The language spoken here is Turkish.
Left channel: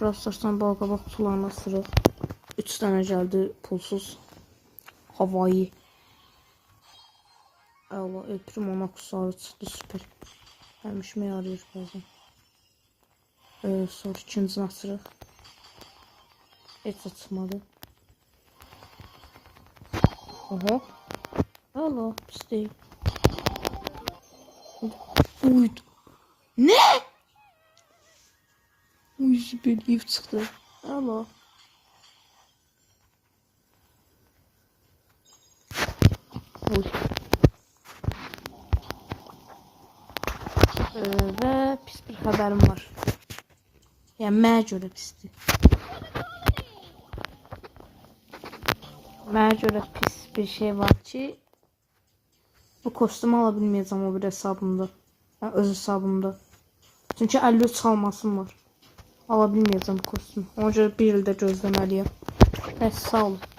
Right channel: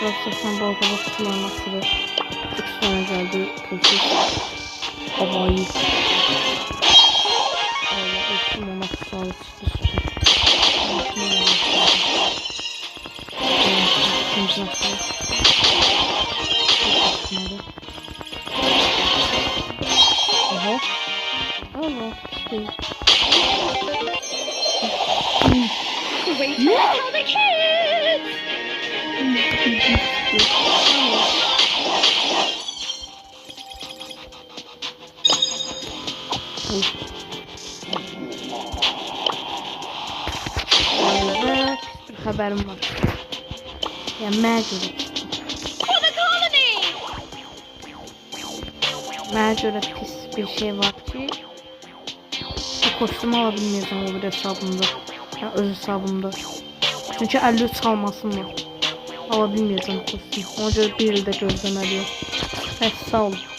biraz saçma balkaba kutularına sırı. 3 tane geldi pulsuz. Havai. Allah ekrim ona kusağı çıktı süper. Ben şunu yerleştirdim. Evet, ikinci nasıl? Çok saçmalı. Oha. Allah pis değil. Ne? Bir çıktı. Allah. Oy. Ve pis bir haberim var. Ya mənə görə pisdir. Mənə görə pis bir şey var ki, bu kostümü ala bilməyəcəm o bir hesabımda. Yəni öz hesabımda. Çünki 53 çalmasım var. Ala bilməyəcəm kostümü. Ona görə bir ildə gözləməliyəm. Bəs sağ olun.